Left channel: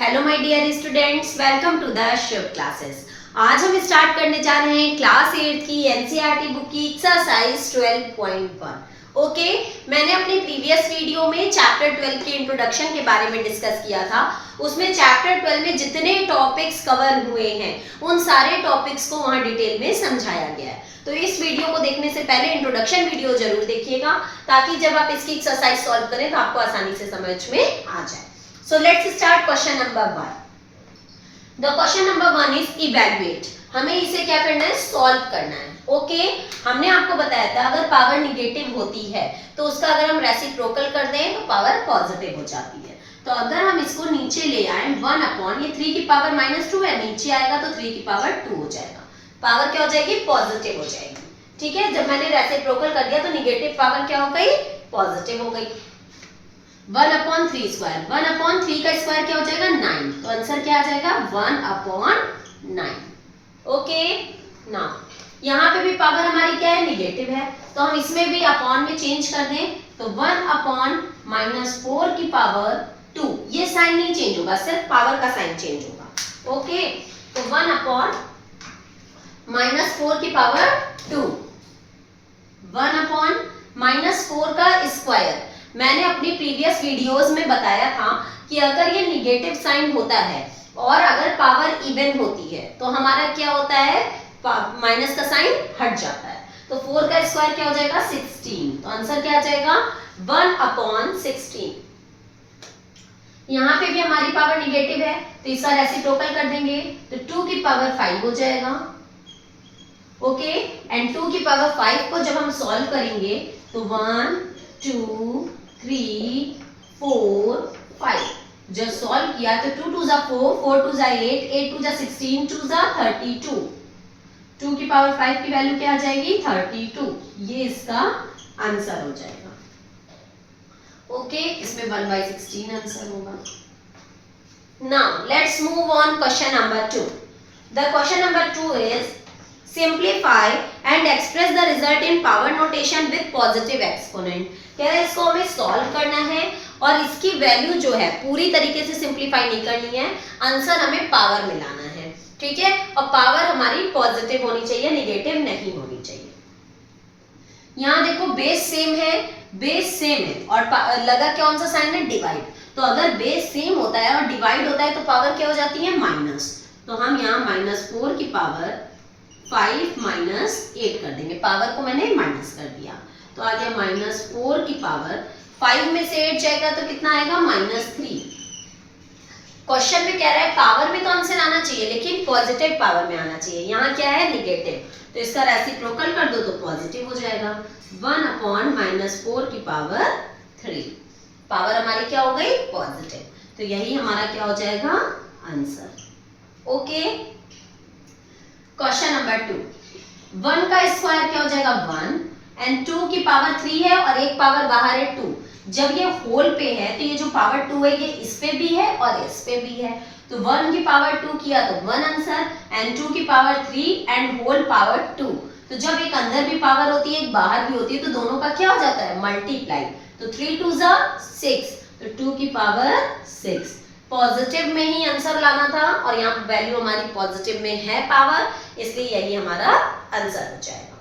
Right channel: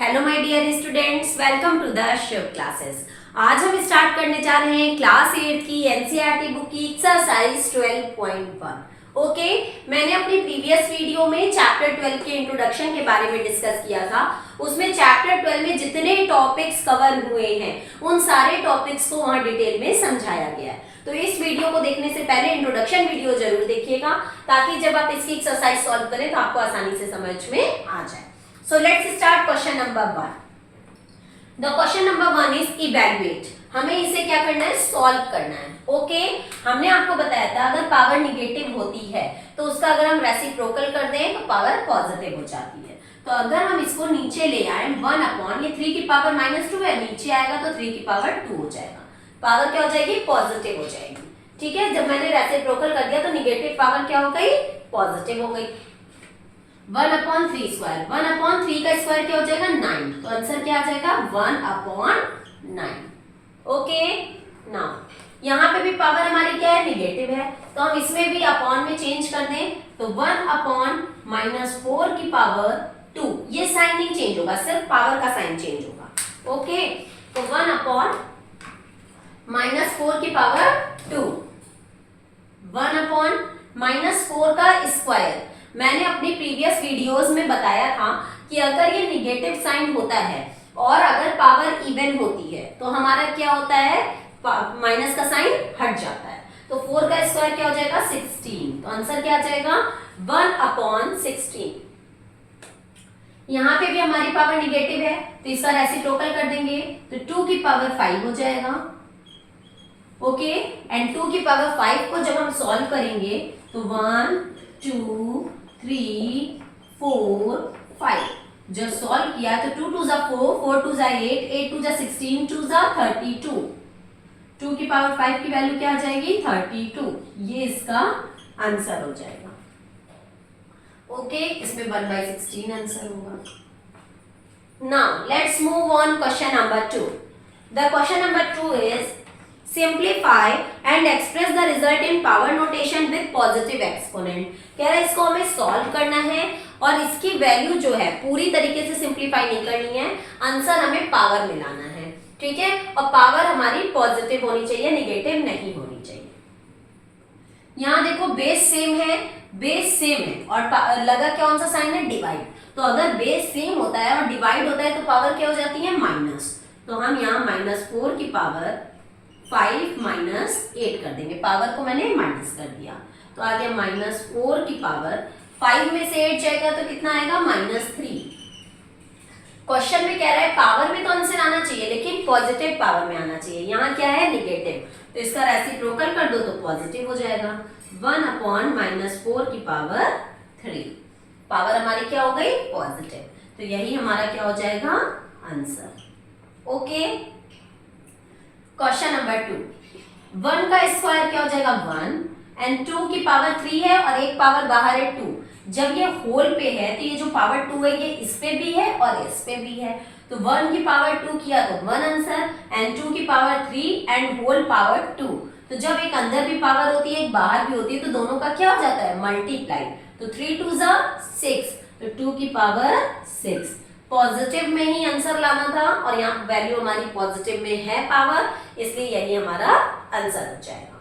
Hello my dear students, welcome to the Shiv classes. आज हम start करने जा रहे हैं क्लास 8 की एनसीईआरटी बुक की एक्सरसाइज 12.1। ओके, मैंने अपने प्रीवियस वीडियो में चैप्टर 12 के इंट्रोडक्शन के बारे में डिस्कस किया था। उसमें चैप्टर 12 में जितने टॉपिक्स कवर हुए हैं उन सारे टॉपिक्स को वहां डिटेल में समझाया गया है। तो इस वीडियो को देखने से पहले इंट्रोडक्शन वीडियो जरूर देखिएगा, ताकि जब आप इसकी एक्सरसाइज सॉल्व करें तो आपको आसानी से समझ में आ जाए। So let's start question number 1. The question number 1 is evaluate. हमें इसे क्या करना है? सॉल्व करना है। ओके, हमने आपको बताया था अगर पावर निगेटिव होती है तो उसका अगर हम रेसिप्रोकल कर दें तो पावर पॉजिटिव हो जाती है। तो अगर हम इसको नीचे ले आए 1 अपॉन ये 3 की पावर -2 है, नीचे आएगा तो 3 की पावर 2 हो जाएगा। पावर क्या हो जाएगी? पॉजिटिव हो जाएगी। ठीक है, जब मैंने रेसिप्रोकल कर दिया तो निगेटिव पावर क्या हो गई? पॉजिटिव हो गई। 1 अपॉन 3 स्क्वायर, 1 अपॉन 3 का स्क्वायर क्या हो जाएगा? 9। तो आंसर क्या आ जाएगा? 1 अपॉन 9। ओके, नाउ यहाँ पे भी पावर हमारी क्या है? निगेटिव है, तो हम इसमें भी अपॉन में चेंज कर दें तो 1 अपॉन -4 की पावर 2। ये साइन नहीं चेंज होगा, सिर्फ पावर का साइन चेंज होगा। ओके, तो 1 अपॉन -4 की पावर 2, 1 अपॉन -4 का स्क्वायर। मैंने अपनी प्रीवियस वीडियोस में बताया था कि अगर ये निगेटिव साइन होता है और अगर पावर इवन होती है तो हमारा क्या होता है? माइनस का साइन हट जाता है। तो 4 का स्क्वायर क्या हो जाएगा? 16। तो आंसर क्या आ जाएगा? 1 अपॉन 16। यहां पे भी हमारी पावर निगेटिव है तो इसका रेसिप्रोकल कर देंगे तो 2 की पावर 5 हो जाएगा। ओके, एंड 2 की पावर 5 को जब हम सॉल्व करेंगे तो 1 2 3 4 5 जब सॉल्व किया तो 2 2 4, 4 2 8, 8 2 16, 2 32। 2 की पावर 5 की वैल्यू क्या आ जाएगी? 32। ये इसका आंसर हो जाएगा। ओके, इसमें 1/16 आंसर होगा। Now let's move on question number 2। The question number 2 is simplify and express the result in power notation with positive exponent. कह रहा है इसको हमें सॉल्व करना है और इसकी वैल्यू जो है पूरी तरीके से सिंप्लीफाई नहीं करनी है, आंसर हमें पावर में लाना है। ठीक है, और पावर हमारी पॉजिटिव होनी चाहिए, निगेटिव नहीं होनी चाहिए। यहां देखो बेस सेम है, बेस सेम है और लगा कौन सा साइन है? डिवाइड। तो अगर बेस सेम होता है और डिवाइड होता है तो पावर क्या हो जाती है? माइनस। तो हम यहाँ -4 की पावर 5 -8 कर देंगे। पावर को मैंने माइनस कर दिया तो आ गया -4 की पावर 5 में से 8 जाएगा तो कितना आएगा? -3। क्वेश्चन में कह रहा है पावर में तो आंसर आना चाहिए लेकिन पॉजिटिव पावर में आना चाहिए। यहाँ क्या है? निगेटिव। तो इसका रेसिप्रोकल कर दो तो पॉजिटिव हो जाएगा। 1 अपॉन -4 की पावर 3। पावर हमारी क्या हो गई? पॉजिटिव। तो यही हमारा क्या हो जाएगा? आंसर। Okay, question number 2। 1 का स्क्वायर क्या हो जाएगा? 1 एंड 2 की पावर 3 है और एक पावर बाहर है 2। जब ये होल पे है तो ये जो पावर 2 है ये इस पे भी है और इस पे भी है। तो 1 की पावर 2 किया तो 1 आंसर, एंड 2 की पावर 3 एंड होल पावर 2। तो जब एक अंदर भी पावर होती है एक बाहर भी होती है तो दोनों का क्या हो जाता है? मल्टीप्लाई। तो 3 2 6, तो 2 की पावर 6। पॉजिटिव में ही आंसर लाना था और यहाँ वैल्यू हमारी पॉजिटिव में है पावर, इसलिए यही हमारा आंसर हो जाएगा।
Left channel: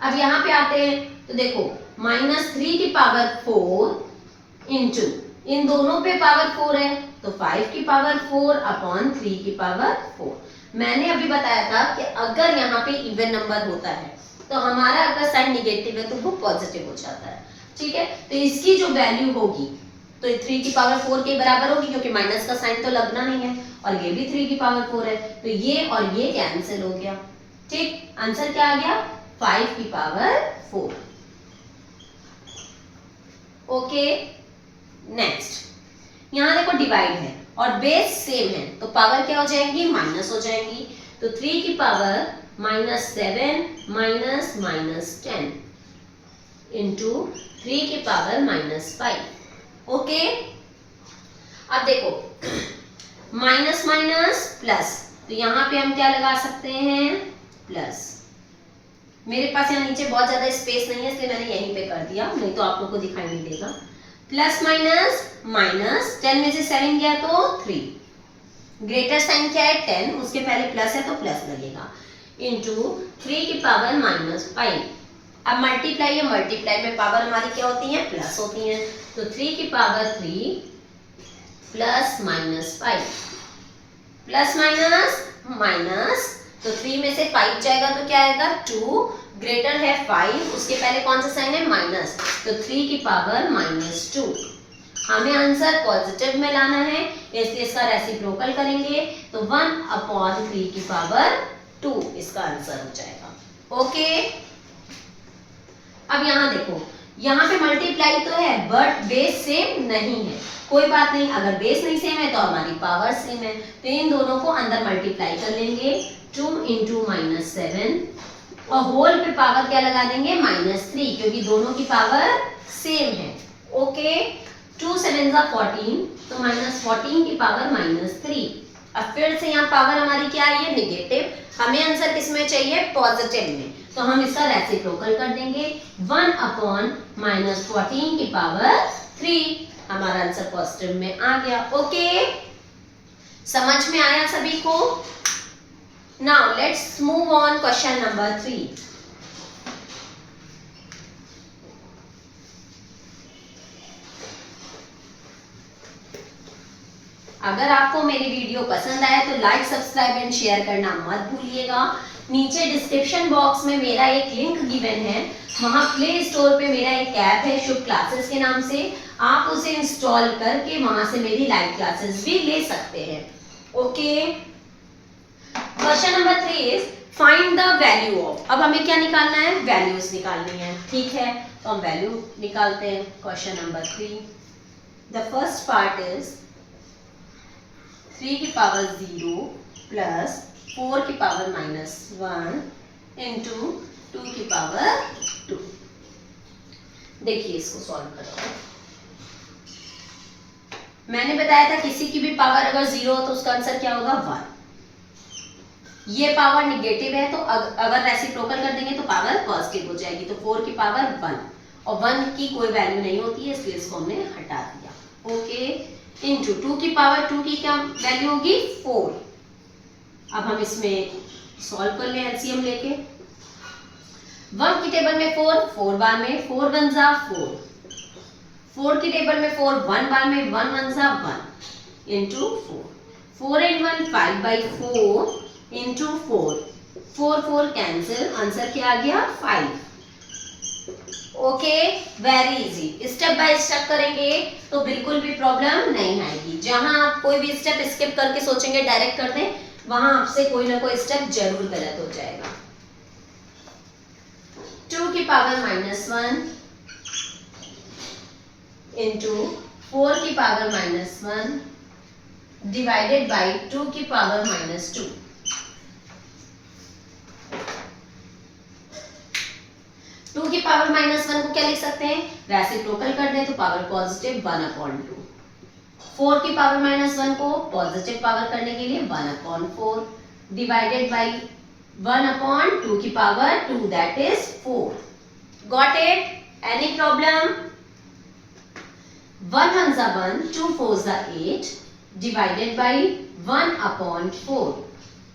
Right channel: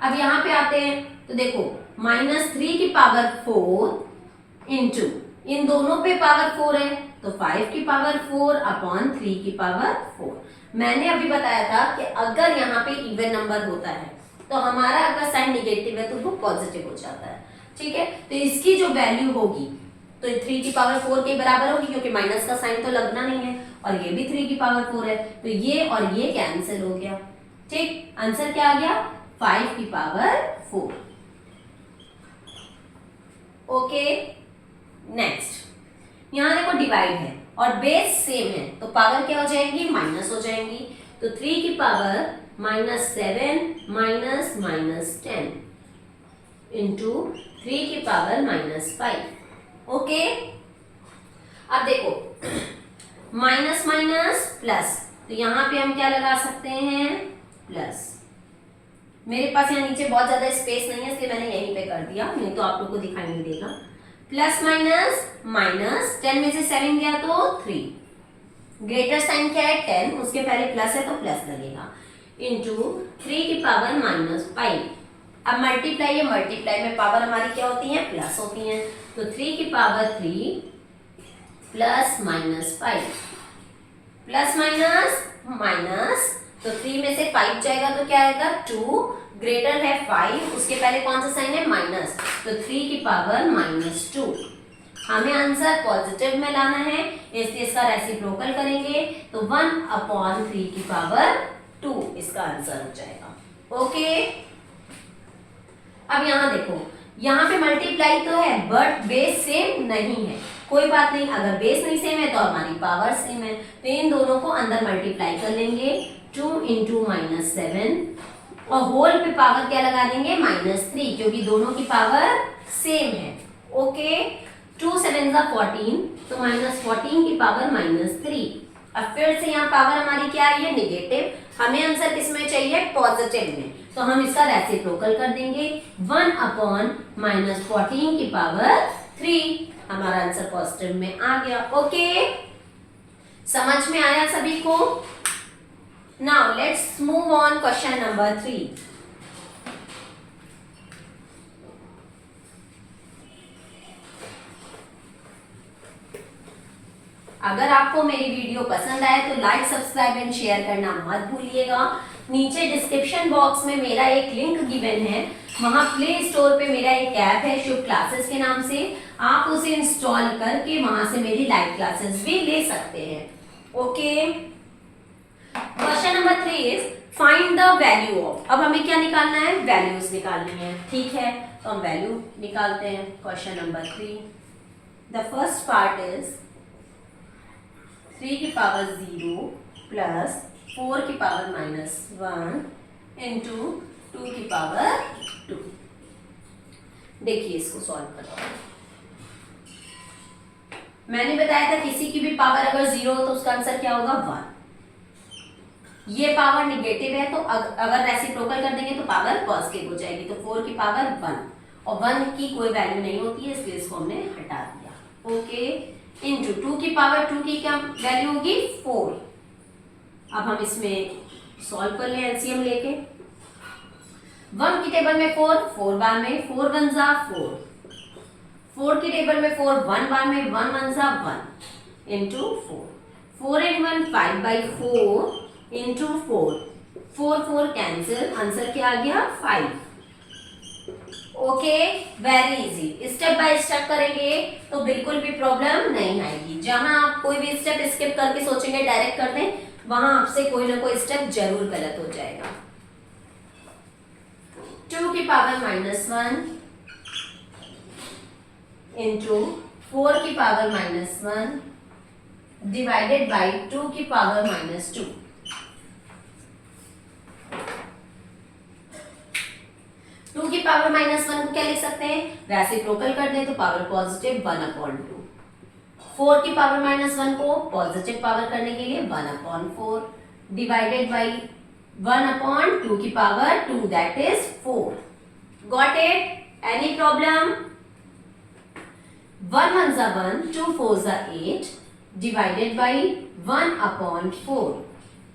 अब यहाँ पे आते हैं तो देखो -3 की पावर 4 इंटू इन दोनों पे पावर 4 है तो 5 की पावर 4 अपॉन 3 की पावर 4। मैंने अभी बताया था कि अगर यहाँ पे इवन नंबर होता है तो हमारा अगर साइन निगेटिव है तो वो पॉजिटिव हो जाता है। ठीक है, तो इसकी जो वैल्यू होगी तो 3 की पावर 4 के बराबर होगी क्योंकि माइनस का साइन तो लगना नहीं है और ये भी 3 की पावर 4 है तो ये और ये कैंसिल हो गया। ठीक, आंसर क्या आ गया? 5 की पावर 4। ओके, नेक्स्ट यहां देखो डिवाइड है और बेस सेम है तो पावर क्या हो जाएगी? माइनस हो जाएंगी। तो 3 की पावर -7 -10 इंटू 3 की पावर -5। ओके, अब देखो माइनस माइनस प्लस, तो यहां पे हम क्या लगा सकते हैं? प्लस। मेरे पास यहाँ नीचे बहुत ज्यादा स्पेस नहीं है इसलिए मैंने यहीं पे कर दिया, नहीं तो आप लोग को दिखाई नहीं देगा। प्लस माइनस माइनस, 10 में से 7 गया तो 3, ग्रेटर साइन क्या है 10, उसके पहले प्लस है तो प्लस लगेगा, इंटू 3 की पावर -5। अब मल्टीप्लाई है, मल्टीप्लाई में पावर हमारी क्या होती है प्लस होती है, तो 3 की power 3 plus -5, plus minus minus, तो 3 में से 5 जाएगा तो क्या आएगा 2, ग्रेटर है 5, उसके पहले कौन सा साइन है माइनस, तो 3 की पावर -2। हमें आंसर पॉजिटिव में लाना है, इसलिए इसका रेसिप्रोकल करेंगे तो 1/3 की पावर 2 इसका आंसर हो जाएगा। ओके, अब यहां देखो, यहां पे मल्टीप्लाई तो है बट बेस सेम नहीं है, कोई बात नहीं, अगर बेस नहीं सेम है तो हमारी पावर सेम है, तो इन दोनों को अंदर मल्टीप्लाई कर लेंगे, 2 × -7 और होल पे पावर क्या लगा देंगे -3, क्योंकि दोनों की पावर सेम है। ओके, 2 7 14, तो -14 की पावर -3। अब फिर से यहाँ पावर हमारी क्या आई है नेगेटिव, हमें आंसर किसमें चाहिए पॉजिटिव में, तो हम इसका रेसिप्रोकल कर देंगे, 1/-14 की पावर 3, हमारा आंसर पॉजिटिव में आ गया। ओके, समझ में आया सभी को? Now let's move on question number 3। अगर आपको मेरी वीडियो पसंद आए तो लाइक सब्सक्राइब एंड शेयर करना मत भूलिएगा। नीचे डिस्क्रिप्शन बॉक्स में मेरा एक लिंक गिवन है, वहां प्ले स्टोर पे मेरा एक ऐप है शुभ क्लासेस के नाम से, आप उसे इंस्टॉल करके वहां से मेरी लाइव क्लासेस भी ले सकते हैं। Okay, question number 3 is find the value of. अब हमें क्या निकालना है, वैल्यूज निकालनी है, ठीक है, तो हम वैल्यू निकालते हैं। Question number 3, the first part is 3 की पावर 0 प्लस 4 की पावर -1 इंटू 2 की पावर 2। देखिए इसको सॉल्व करते हैं। मैंने बताया था किसी की भी पावर अगर 0 हो तो उसका आंसर क्या होगा 1। ये पावर निगेटिव है तो अगर रेसिप्रोकल कर देंगे तो पावर पॉजिटिव हो जाएगी, तो 4 की पावर 1 और 1 की कोई वैल्यू नहीं होती है, इसलिए इसको हमने हटा दिया। ओके, इंटू 2 की पावर 2 की क्या वैल्यू होगी 4। अब हम इसमें सॉल्व कर लें एलसीएम लेके, 1 की टेबल में 4 4 बार में, 4 1 जा 4, 4 की टेबल में 4 1 बार में, 1 1 जा 1 into 4, 4 and 1 5/4 into 4, 4 4 cancel, answer क्या आ गया 5। Okay, very easy, step by step करेंगे तो बिल्कुल भी प्रॉब्लम नहीं आएगी। जहां आप कोई भी स्टेप स्किप करके सोचेंगे डायरेक्ट कर दें, वहां आपसे कोई ना कोई स्टेप जरूर गलत हो जाएगा। 2 की पावर -1 इंटू 4 की पावर -1 डिवाइडेड बाई 2 की पावर -2। 2 की पावर -1 को क्या लिख सकते हैं, रेसिप्रोकल कर दें तो पावर पॉजिटिव 1/2। 4 की पावर -1 को पॉजिटिव पावर करने के लिए 1/4 डिवाइडेड बाई 1/2 की power 2 that is 4। Got it? Any problem? 1 1 जा 1, 2 4 जा 8 डिवाइडेड बाई 1/4,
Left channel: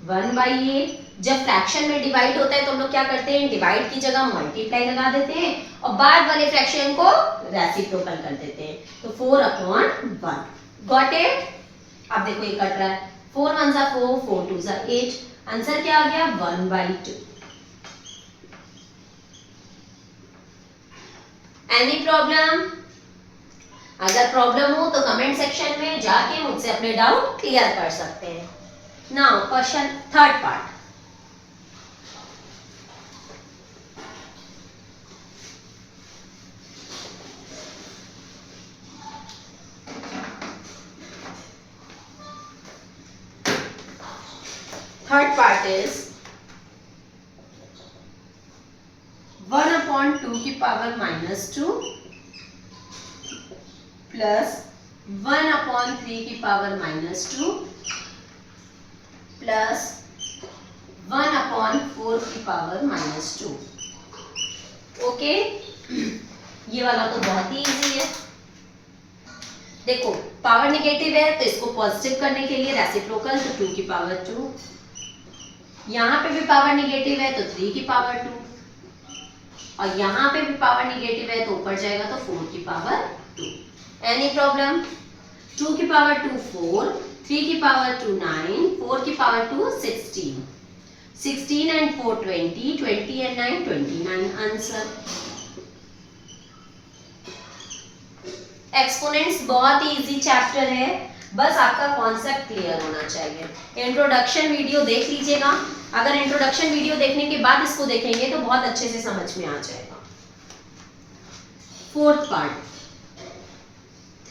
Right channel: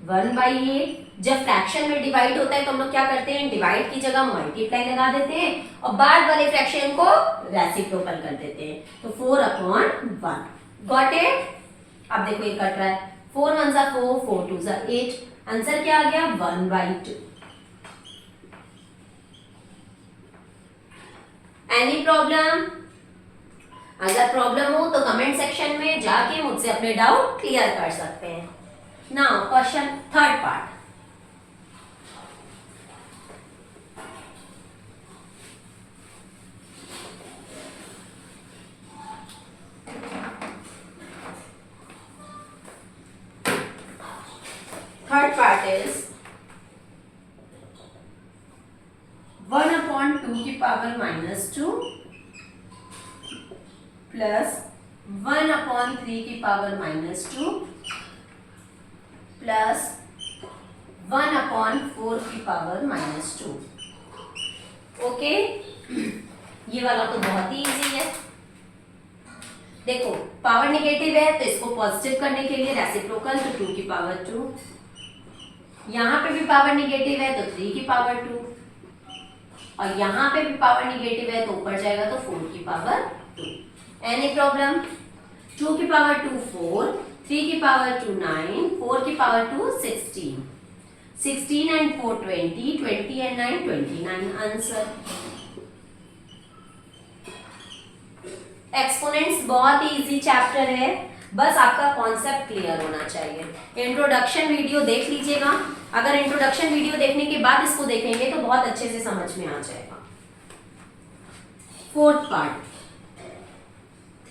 1/8। जब फ्रैक्शन में डिवाइड होता है तो हम लोग क्या करते हैं, डिवाइड की जगह मल्टीप्लाई लगा देते हैं और बाद वाले फ्रैक्शन को रेसिप्रोकल कर देते हैं, तो 4/1। Got it? अब देखो ये कट रहा है, 4 1 जा 4, 4 2 जा 8, आंसर क्या आ गया 1/2। Any problem? अगर प्रॉब्लम हो तो कमेंट सेक्शन में जाके मुझसे अपने डाउट क्लियर कर सकते हैं। Now question third part, is 1/2 की पावर -2 प्लस 1/3 की पावर -2 प्लस 1/4 की पावर -2। ओके, ये वाला तो बहुत ही इजी है। देखो पावर निगेटिव है तो इसको पॉजिटिव करने के लिए रेसिप्रोकल तो 2 की पावर 2, यहाँ पे भी पावर निगेटिव है तो 3 की पावर 2, और यहाँ पे भी पावर निगेटिव है तो ऊपर जाएगा तो 4 की पावर 2। Any problem? 2 की पावर 2 4, 3 की पावर 2 9, 4 की power 2 16, 16 and 4 20, 20 and 9 29 answer. Exponents बहुत ही इजी चैप्टर है, बस आपका कॉन्सेप्ट क्लियर होना चाहिए। इंट्रोडक्शन वीडियो देख लीजिएगा, अगर इंट्रोडक्शन वीडियो देखने के बाद इसको देखेंगे तो बहुत अच्छे से समझ में आ जाएगा। फोर्थ पार्ट,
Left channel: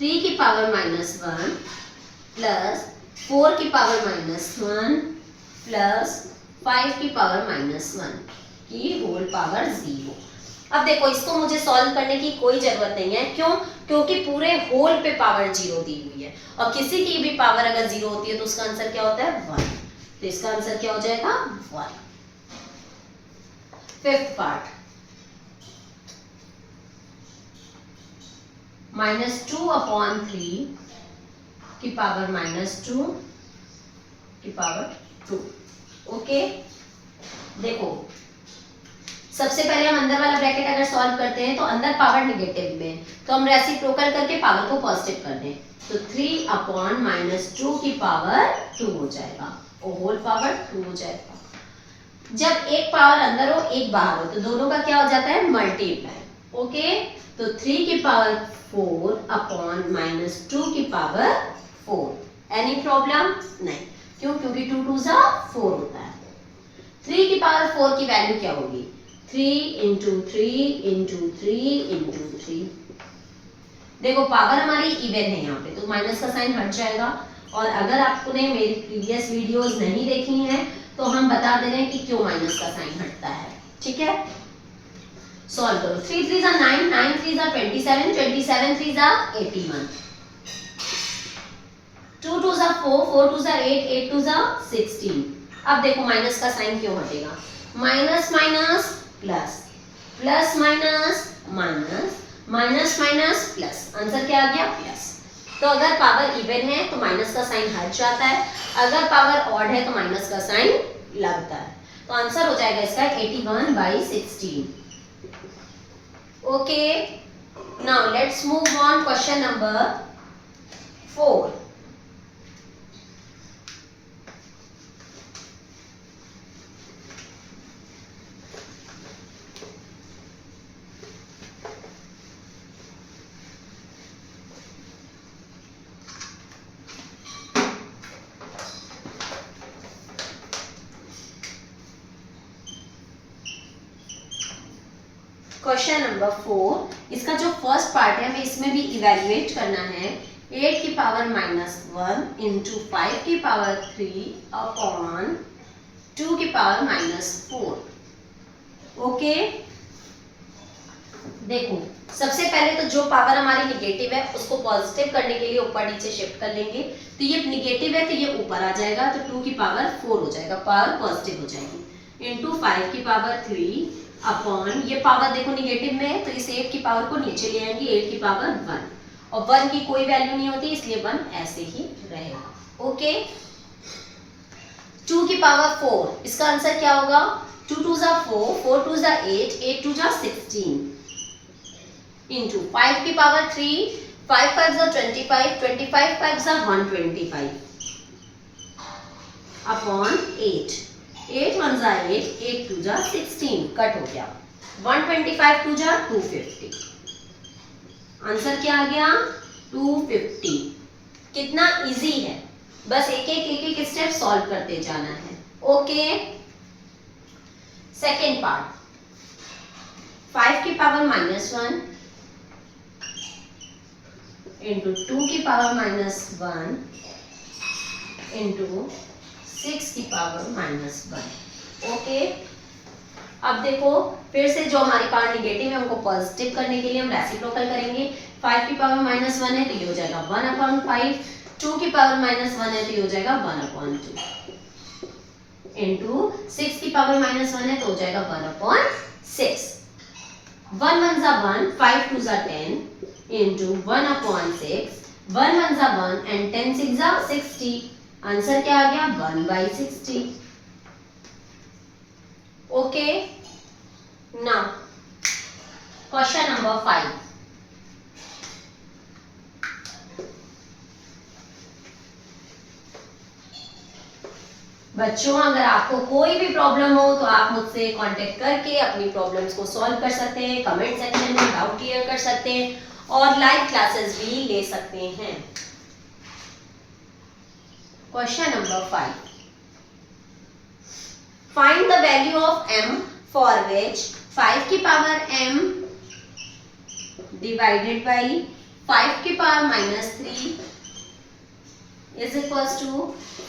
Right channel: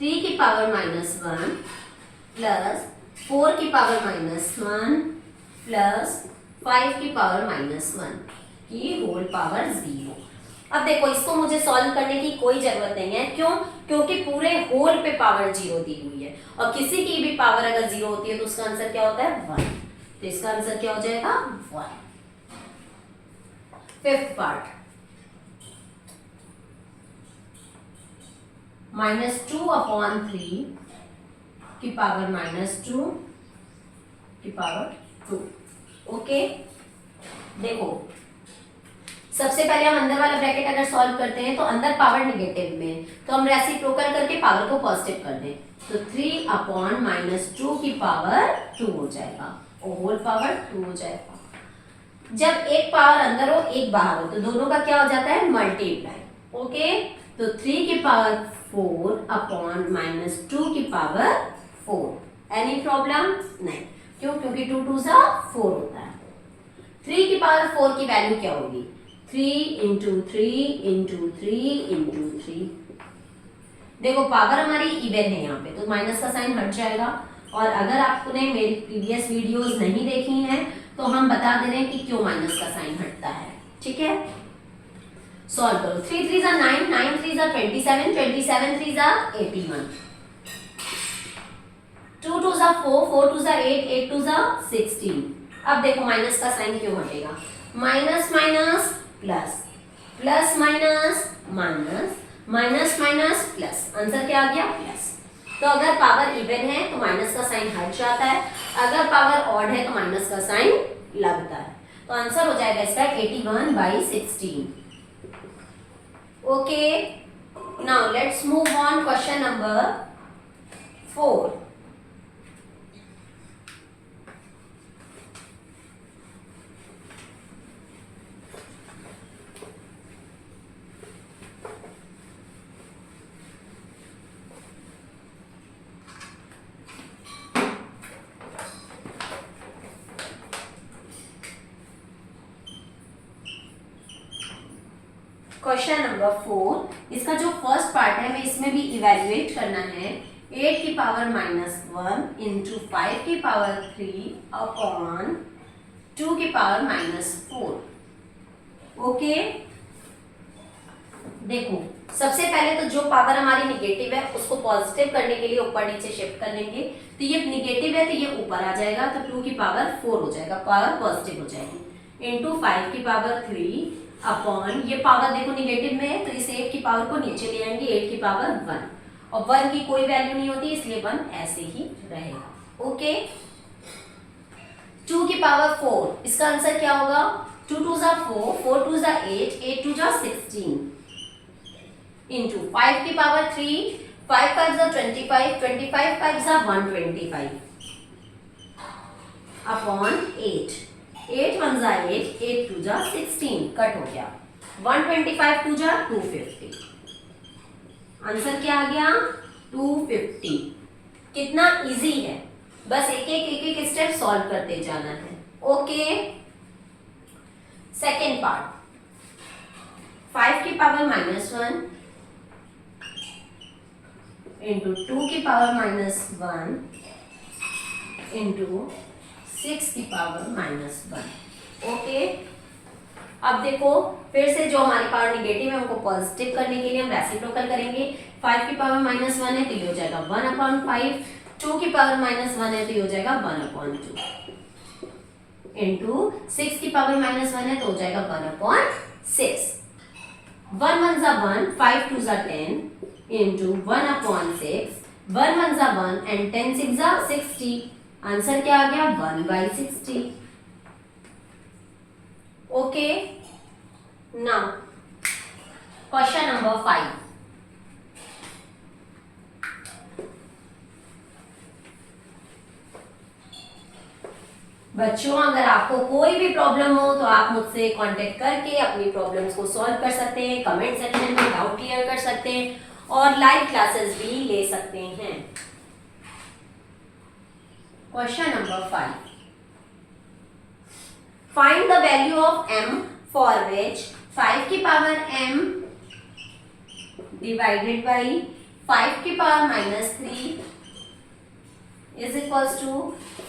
3 की पावर -1 प्लस 4 की पावर -1 प्लस 5 की पावर -1 की होल पावर 0। अब देखो इसको मुझे सॉल्व करने की कोई जरूरत नहीं है, क्यों? क्योंकि पूरे होल पे पावर 0 दी हुई है, और किसी की भी पावर अगर 0 होती है तो उसका आंसर क्या होता है 1, तो इसका आंसर क्या हो जाएगा 1। फिफ्थ पार्ट, -2/3 की पावर -2 की पावर 2। ओके, देखो सबसे पहले हम अंदर वाला ब्रैकेट अगर सॉल्व करते हैं तो अंदर पावर निगेटिव में, तो हम रेसिप्रोकल करके पावर को पॉजिटिव कर दें तो 3/-2 की पावर 2 हो जाएगा, और होल पावर 2 हो जाएगा। जब एक पावर अंदर हो एक बाहर हो तो दोनों का क्या हो जाता है मल्टीप्लाई। ओके, तो 3 की पावर 4/-2 की पावर 4। Any problem? नहीं, क्यों? क्योंकि 2 2 4 होता है। 3 की पावर 4 की वैल्यू क्या होगी? 3 × 3 × 3 × 3। देखो पावर हमारी इवन है यहाँ पे, तो माइनस का साइन हट जाएगा। और अगर आपने मेरी प्रीवियस वीडियोस नहीं देखी हैं तो हम बता दे रहे हैं कि क्यों माइनस का साइन हटता है। ठीक है, सॉल्व करो। 3 3 9, 9 3 27, 27 3 81, 2 2 4, 4 2 8, 8 2 16। अब देखो माइनस का साइन क्यों हटेगा? Minus minus plus, plus minus minus, minus minus plus, answer क्या आ गया प्लस। तो अगर पावर इवन है तो माइनस का साइन हट जाता है, अगर पावर ऑड है तो माइनस का साइन लगता है। तो आंसर हो जाएगा इसका 81/16। Okay, now let's move on question number 4। Question number 4, इसका जो फर्स्ट पार्ट है हमें इसमें भी इवैल्यूएट करना है। 8 की पावर -1 इंटू 5 की पावर 3 अपॉन 2 की पावर -4। ओके, देखो सबसे पहले तो जो पावर हमारी निगेटिव है उसको पॉजिटिव करने के लिए ऊपर नीचे शिफ्ट कर लेंगे। तो ये निगेटिव है तो ये ऊपर आ जाएगा, तो 2 की पावर 4 हो जाएगा, पावर पॉजिटिव हो जाएगी, इंटू 5 की पावर 3 अपॉन, ये पावर देखो निगेटिव में है तो इस 8 की पावर को नीचे ले आएंगे, 8 की पावर 1, और 1 की कोई वैल्यू नहीं होती इसलिए 1 ऐसे ही रहेगा। ओके, 2 की पावर 4, इसका आंसर क्या होगा? 2 2 4, 4 2 8, 8 2 16, इंटू 5 की पावर 3, 5 5 25, 25 5 125 अपॉन 8, 8 1 8, 8 2 16, कट हो गया, 125 2 250। आंसर क्या आ गया? 250। कितना इजी है, बस एक एक स्टेप सॉल्व करते जाना है। ओके, सेकेंड पार्ट, 5 की पावर -1 इंटू 2 की पावर -1 इंटू 6 की पावर -1। ओके, अब देखो फिर से जो हमारी पावर निगेटिव है उनको पॉजिटिव करने के लिए हम रेसिप्रोकल करेंगे। 5 की पावर -1 है तो ये हो जाएगा 1/5, 2 की पावर -1 है तो ये हो जाएगा 1/2, इंटू 6 की पावर -1 है तो हो जाएगा 1/6, 1 1 1, 5 2 10, इंटू 1/6, 1 1 जा 1 एंड 10 6 जा 60। आंसर क्या आ गया 1/60। Okay, now question number 5। बच्चों, अगर आपको कोई भी प्रॉब्लम हो तो आप मुझसे कांटेक्ट करके अपनी प्रॉब्लम्स को सॉल्व कर सकते हैं, कमेंट सेक्शन में डाउट क्लियर कर सकते हैं और लाइव क्लासेस भी ले सकते हैं। Question number 5, find the value of m for which 5 की पावर m डिवाइडेड बाई 5 की पावर -3 इज इक्वल्स टू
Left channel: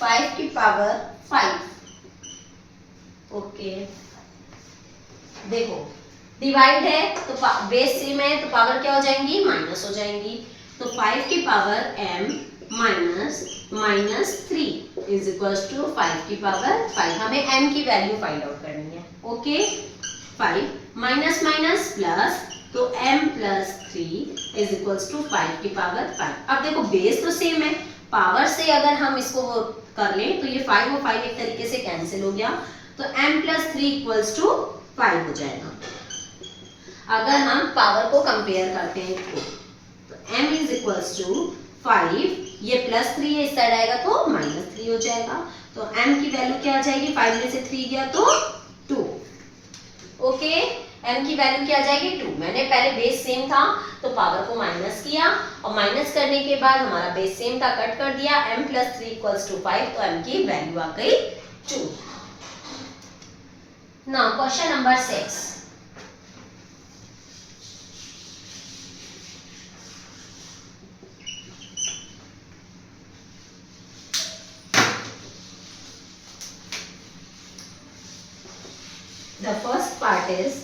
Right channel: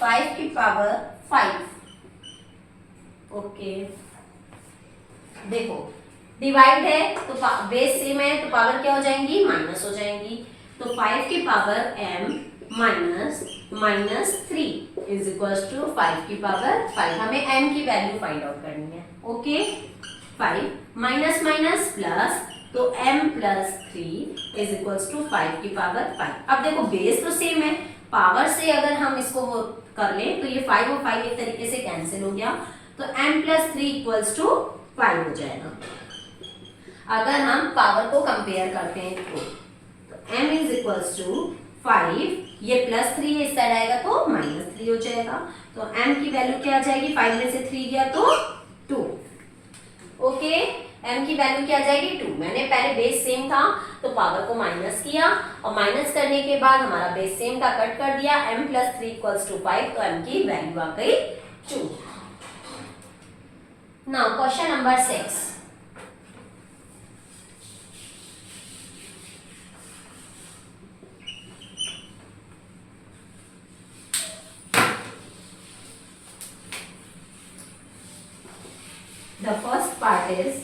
5 की पावर 5। ओके, देखो डिवाइड है तो बेस सेम है तो पावर क्या हो जाएंगी, माइनस हो जाएंगी। तो 5 की power m -3 is equals to 5 की पावर 5। हमें m की वैल्यू फाइंड आउट करनी है। ओके, 5 माइनस माइनस प्लस, तो m plus 3 is equals to 5 की पावर 5। अब देखो बेस तो सेम है, पावर से अगर हम इसको वो कर लें तो ये 5 और 5 एक तरीके से कैंसिल हो गया, तो m प्लस 3 इक्वल्स टू 5 हो जाएगा। अगर हम पावर को कंपेयर करते हैं तो m इज इक्वल्स टू 5, ये प्लस 3 है, इस साइड आएगा तो माइनस 3 हो जाएगा। तो m की वैल्यू क्या आ जाएगी, 5 में से 3 गया तो 2। ओके, m की वैल्यू क्या आ जाएगी 2। मैंने पहले बेस सेम था तो पावर को माइनस किया और माइनस करने के बाद हमारा बेस सेम था, कट कर दिया, m प्लस 3 इक्वल्स टू 5, तो m की वैल्यू आ गई 2। Now question number 6। The first part is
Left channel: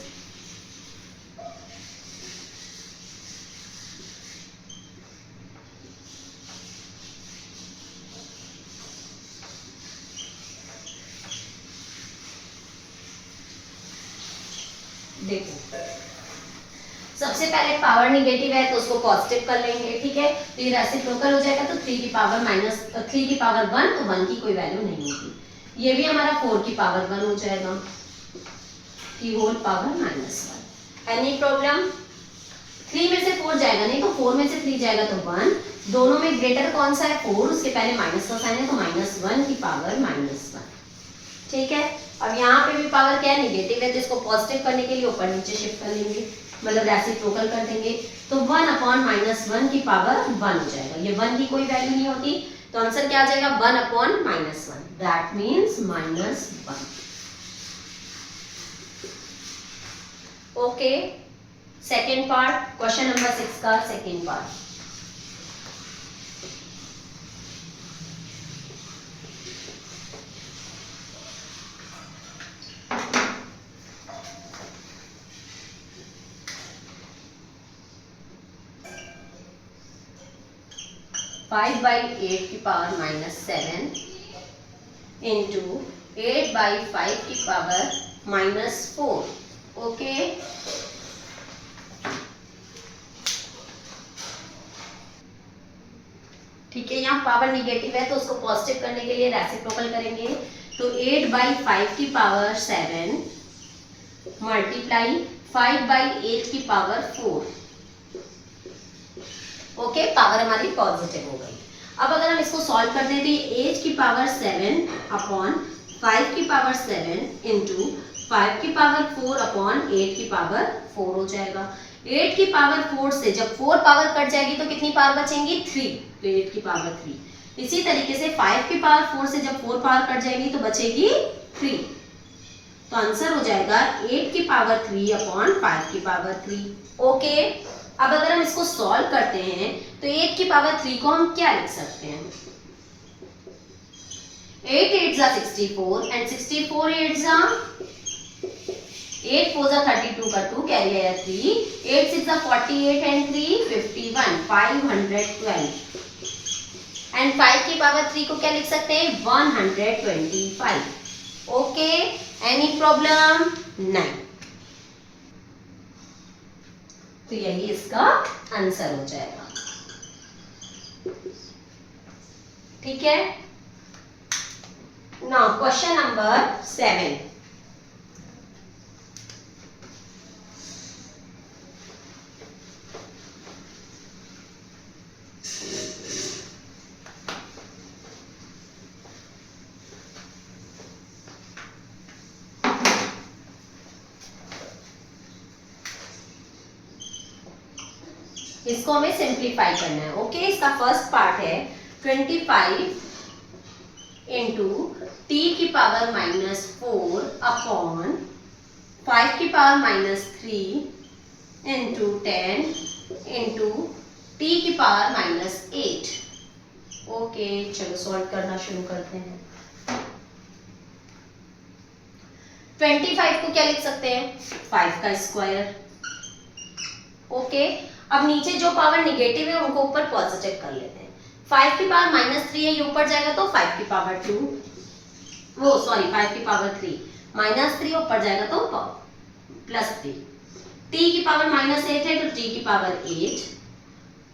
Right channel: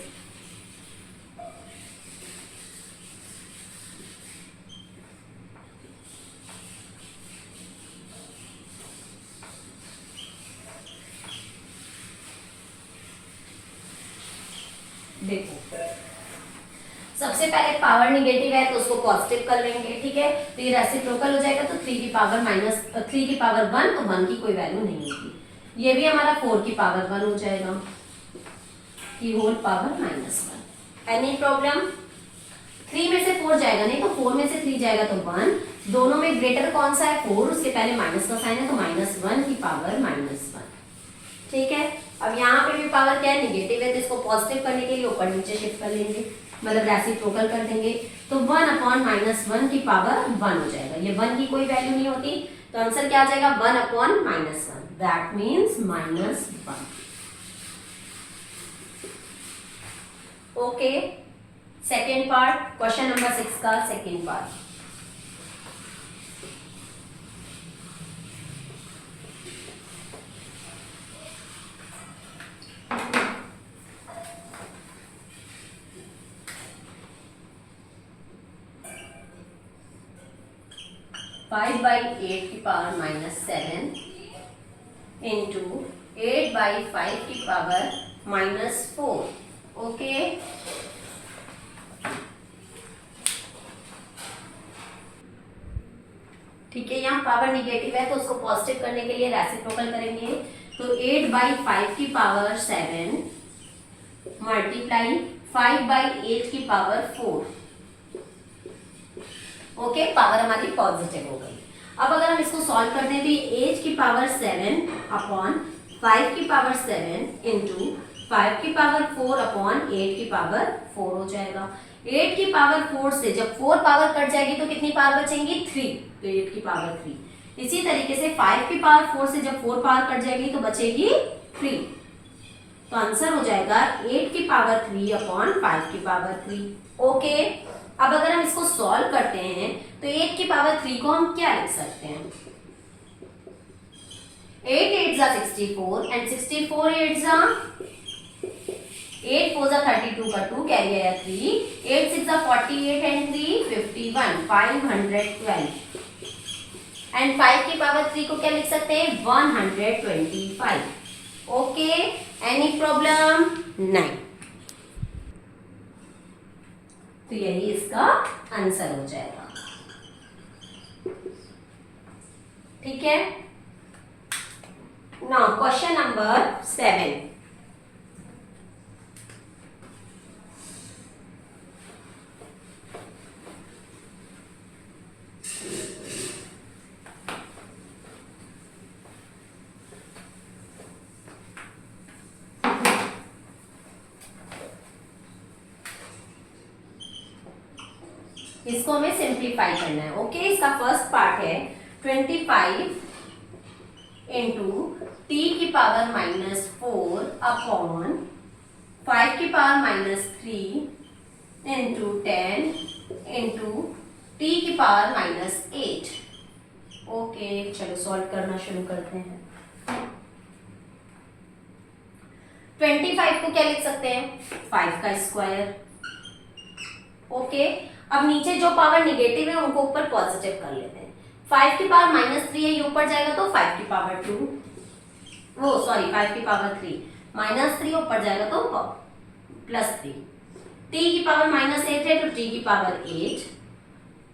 देखो, सबसे पहले पावर निगेटिव है तो उसको पॉजिटिव कर लेंगे, ठीक है। तो ये रेसिप्रोकल हो जाएगा, तो 3 की पावर -3 की पावर 1, तो 1 की कोई वैल्यू नहीं होगी। ये भी हमारा 4 की पावर 1 हो जाएगा, की होल पावर -1। Any problem? 3 में से 4 जाएगा नहीं, तो 4 में से 3 जाएगा तो 1। दोनों में ग्रेटर कौन सा है, 4, उसके पहले माइनस का साइन है, तो -1 की पावर -1। ठीक है, अब यहाँ पे भी पावर क्या है, निगेटिव है, तो इसको पॉजिटिव करने के लिए ऊपर नीचे शिफ्ट कर लेंगे, मतलब रेसिप्रोकल कर देंगे, तो 1/-1 की पावर 1 हो जाएगा। ये 1 की कोई वैल्यू नहीं होती, तो आंसर क्या आ जाएगा 1/-1, that means -1। Okay, second part, question number 6 का सेकेंड पार्ट। (5/8 की पावर -7 इंटू 8/5 की पावर -4। ओके, ठीक है, यहाँ पावर निगेटिव है तो उसको पॉजिटिव करने के लिए रेसिप्रोकल करेंगे, तो 8/5 की पावर 7 मल्टीप्लाई 5/8 की पावर 4। ओके, पावर हमारी पॉजिटिव हो गई। अब अगर हम इसको सॉल्व करते हैं तो ये 8 की पावर 7 अपॉन 5 की पावर 7 इंटू 5 की पावर 4 अपॉन 8 की पावर 4 हो जाएगा। 8 की पावर 4 से जब 4 पावर कट जाएगी तो कितनी पावर बचेंगी, 3, तो 8 की पावर 3। इसी तरीके से 5 की पावर 4 से जब 4 पावर कट जाएगी तो बचेगी 3, तो आंसर हो जाएगा 8 की पावर 3 अपॉन 5 की पावर 3। ओके, अब अगर हम इसको सॉल्व करते हैं तो 8 की पावर 3 को हम क्या लिख सकते हैं, 8 8 जा 64 एंड 64 8 जा 8 4 जा 32 का 2 कैरी गया 3, 8 6 जा 48 एंड 3 51, 512 एंड 5 की पावर 3 को क्या लिख सकते हैं, 125। Okay, any problem? नहीं, तो यही इसका आंसर हो जाएगा। ठीक है। Now question number 7। इसको हमें सिंप्लीफाई करना है। ओके, इसका फर्स्ट पार्ट है 25 इंटू टी की पावर -4 अपॉन 5 की पावर -3 इंटू 10 इंटू टी की पावर -8। ओके, चलो सॉल्व करना शुरू करते हैं। 25 को क्या लिख सकते हैं, 5 का स्क्वायर। ओके, अब नीचे जो पावर निगेटिव है उनको ऊपर पॉजिटिव कर लेते हैं। 5 की पावर -3 है, ये ऊपर जाएगा तो 5 की पावर 2, वो सॉरी 5 की पावर 3 -3 ऊपर जाएगा तो +3। t की पावर -8 है तो t की पावर 8।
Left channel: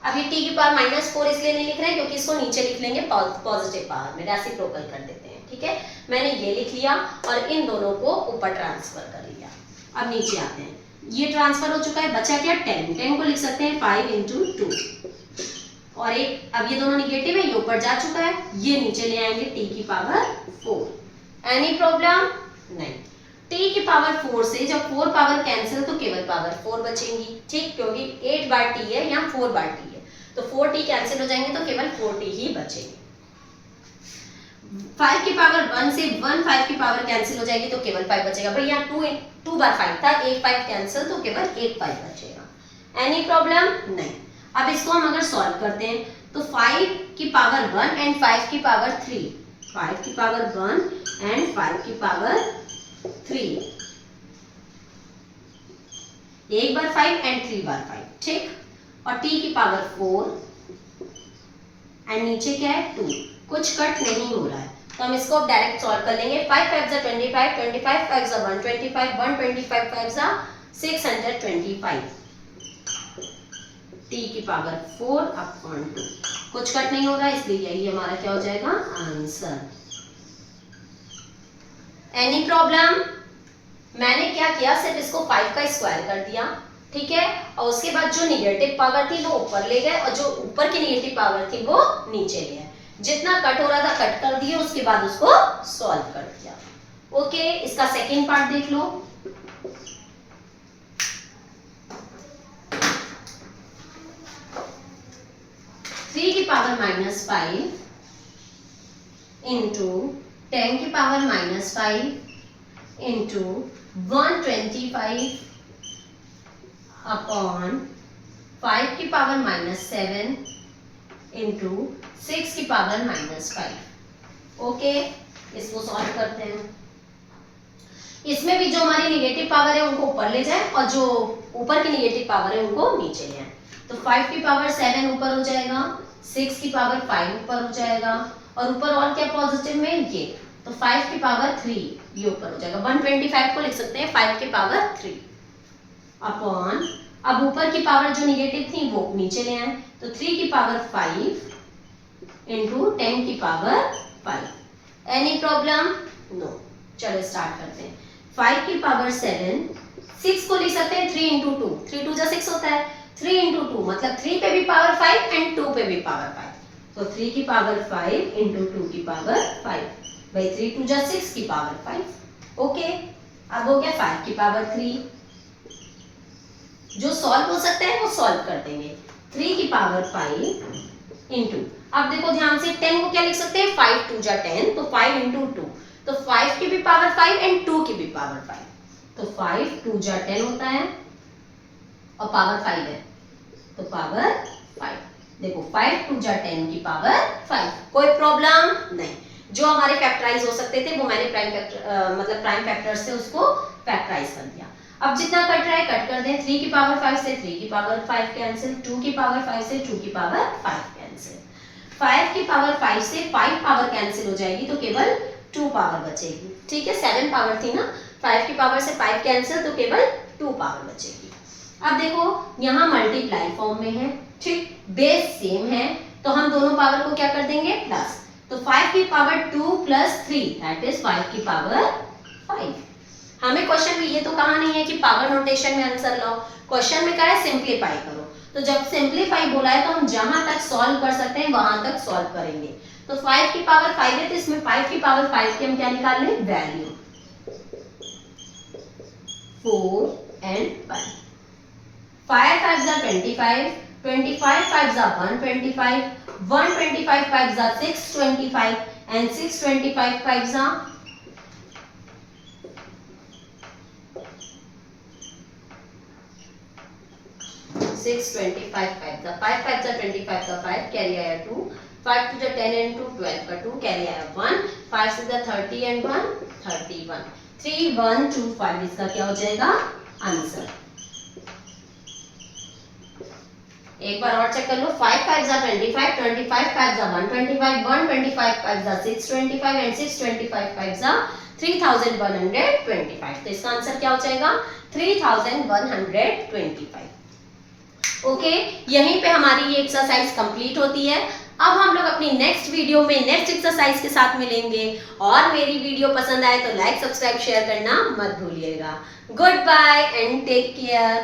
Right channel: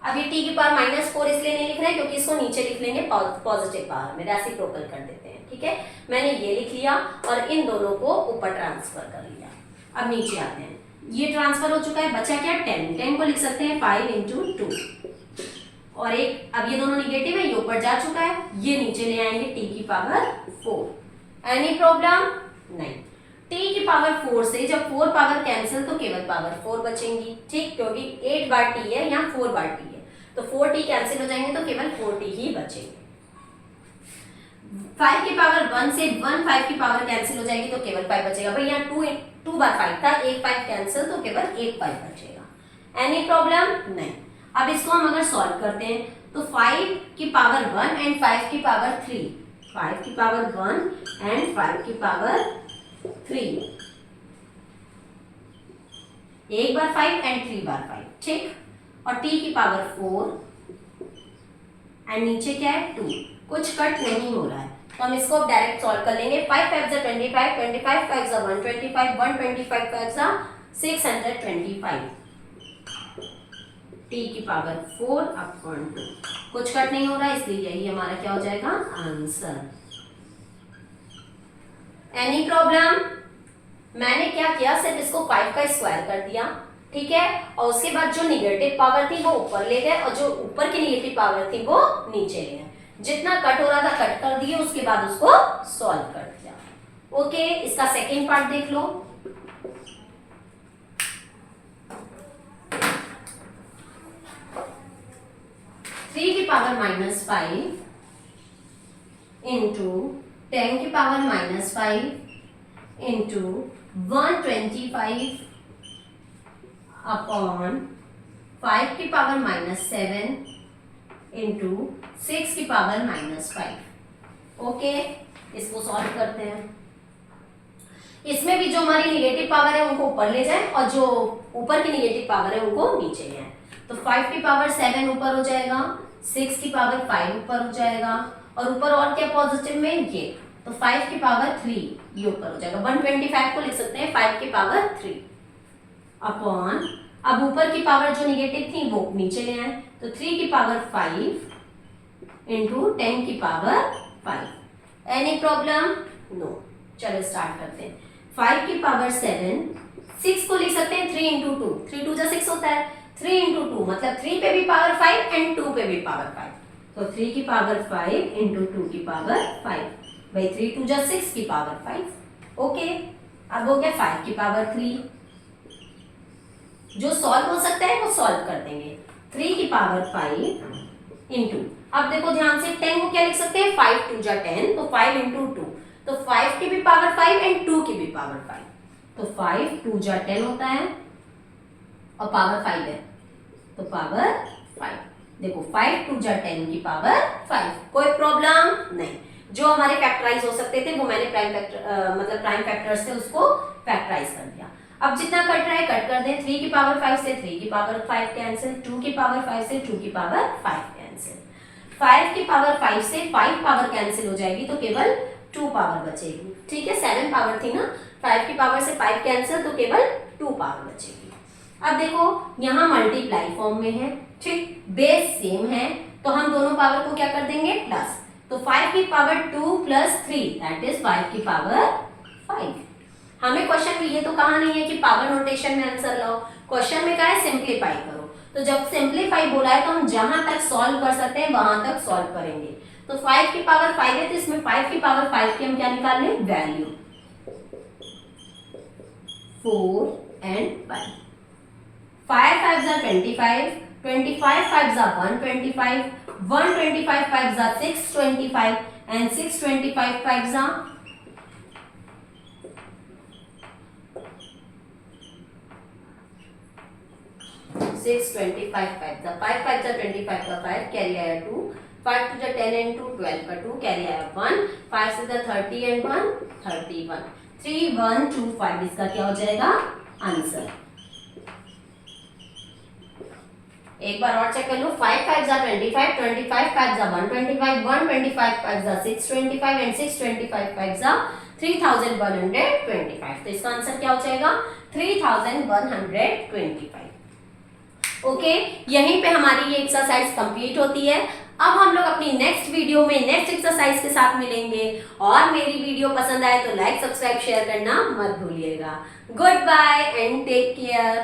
अब ये t की पावर -4 इसलिए नहीं लिख रहे हैं क्योंकि इसको नीचे लिख लेंगे पॉजिटिव पावर में, रेसिप्रोकल कर देते हैं। ठीक है, मैंने ये लिख लिया और इन दोनों को ऊपर ट्रांसफर कर लिया। अब नीचे आते हैं, ये ट्रांसफर हो चुका है, बचा क्या 10 को लिख सकते हैं 5 इंटू 2 और एक, अब ये दोनों निगेटिव है, ये ऊपर जा चुका है, ये नीचे ले आएंगे t की पावर 4। एनी प्रॉब्लम नहीं। t की पावर 4 से जब 4 पावर कैंसिल तो केवल पावर 4 बचेंगी। ठीक, क्योंकि 8 बार t है, यहाँ 4 बार t है, तो 4t कैंसिल हो जाएंगे तो केवल 4t ही बचेंगे। 5 की पावर 1 से 5 की पावर कैंसिल हो जाएगी तो केवल 5 बचेगा। भाई यहाँ 2 बार 5 था, एक 5 कैंसिल तो केवल एक 5 बचेगा। एनी प्रॉब्लम नहीं। अब इसको हम अगर सॉल्व करते हैं तो 5 की पावर 1 एंड 5 की पावर 3, 5 की पावर 1 एंड 5 की पावर 3, एक बार 5 एंड 3 बार 5। ठीक, और t की पावर 4 एंड नीचे क्या है 2, कुछ कट नहीं हो रहा है तो हम इसको डायरेक्ट सॉल्व कर लेंगे। 5 5 25, 25 5 125, 125 5 625, t की पावर 4 अपॉन 2, कुछ कट नहीं हो रहा इसलिए यही हमारा क्या हो जाएगा आंसर। Any problem? मैंने क्या किया, सिर्फ इसको 5 का स्क्वायर कर दिया। ठीक है, और उसके बाद जो निगेटिव पावर थी वो ऊपर ले गए और जो ऊपर की निगेटिव पावर थी वो नीचे ले गए। जितना कट हो रहा था कट कर दिए, उसके बाद उसको सॉल्व कर दिया। ओके, इसका सेकंड पार्ट देख लो। थ्री की पावर -5 इंटू 10 की पावर -5 इंटू 125 अपॉन 5 की पावर -7 इंटू 6 की पावर -5। ओके, इसको सॉल्व करते हैं। इसमें भी जो हमारी निगेटिव पावर है उनको ऊपर ले जाए और जो ऊपर की निगेटिव पावर है उनको नीचे ले आए। तो 5 की पावर 7 ऊपर हो जाएगा, 6 की पावर 5 ऊपर हो जाएगा और ऊपर और क्या पॉजिटिव में ये, तो 5 की पावर 3 ये ऊपर हो जाएगा। 125 को लिख सकते हैं 5 की पावर 3 अपॉन, अब ऊपर की पावर जो निगेटिव थी वो नीचे ले आए, तो 3 की पावर 5 इंटू 10 की पावर 5। Any problem? नो। चलो स्टार्ट करते हैं। 5 की पावर 7, 6 को लिख सकते हैं 3 इंटू 2, 3 2 जा 6 होता है, 3 इंटू 2 मतलब 3 पे भी पावर 5 एंड 2 पे भी पावर 5, तो 3 की पावर 5 इंटू 2 की पावर 5, भाई 3 2 जा 6 की पावर 5। ओके, अब हो गया 5 की पावर 3। जो सॉल्व हो सकता है वो सॉल्व कर देंगे। 3 की पावर 5 इंटू, अब देखो ध्यान से 10 को क्या लिख सकते हैं, 5 2 जा 10, तो 5 इंटू 2, तो 5 की भी पावर 5 एंड 2 की भी पावर 5, तो 5 2 जा 10 होता है और पावर 5 है तो पावर 5। देखो 5 2 जा 10 की पावर 5, कोई प्रॉब्लम नहीं। जो हमारे फैक्टराइज हो सकते थे वो मैंने प्राइम फैक्टर से उसको फैक्टराइज कर दिया। अब जितना कट रहा है कट कर दें। 3 की पावर 5 से 3 की पावर 5 कैंसिल, 2 की पावर 5 से 2 की पावर 5 कैंसिल, 5 की पावर 5 से 5 पावर कैंसिल हो जाएगी तो केवल 2 पावर बचेगी। ठीक है, 7 पावर थी ना, 5 की पावर से 5 कैंसिल तो केवल 2 पावर बचेगी। अब देखो यहाँ मल्टीप्लाई फॉर्म में है, ठीक, बेस सेम है तो हम दोनों पावर को क्या कर देंगे प्लस, तो 5 की पावर 2 प्लस 3 दैट इज 5 की पावर 5। हमें क्वेश्चन में ये तो कहा नहीं है कि पावर नोटेशन में आंसर लाओ, क्वेश्चन में कहा है सिंप्लीफाई करो। तो जब सिंप्लीफाई बोला है तो हम जहां तक सॉल्व कर सकते हैं वहां तक सॉल्व करेंगे। तो 5 की पावर 5 है तो इसमें 5 की पावर 5 की हम क्या निकाल लें value 4 and 1। 5 5s are 25, 25 5s are 125, 125 5s are 625 and 625 5s are 625 5s are 5 5s are 25 का 5 कैरी आया 2, 5 to the 10 and 2 12 का 2 कैरी आया 1, 5 to the 30 and 1 31, 3 1 2 5 इसका क्या हो जाएगा आंसर। एक बार और चेक कर लो, 5 5s are 25, 25 5s are 125, 125 5s are 625 and 625 5s are 3125। तो इसका आंसर क्या हो जाएगा 3125। ओके यहीं पे हमारी ये एक्सरसाइज कंप्लीट होती है। अब हम लोग अपनी नेक्स्ट वीडियो में नेक्स्ट एक्सरसाइज के साथ मिलेंगे, और मेरी वीडियो पसंद आए तो लाइक सब्सक्राइब शेयर करना मत भूलिएगा। Good bye and take care.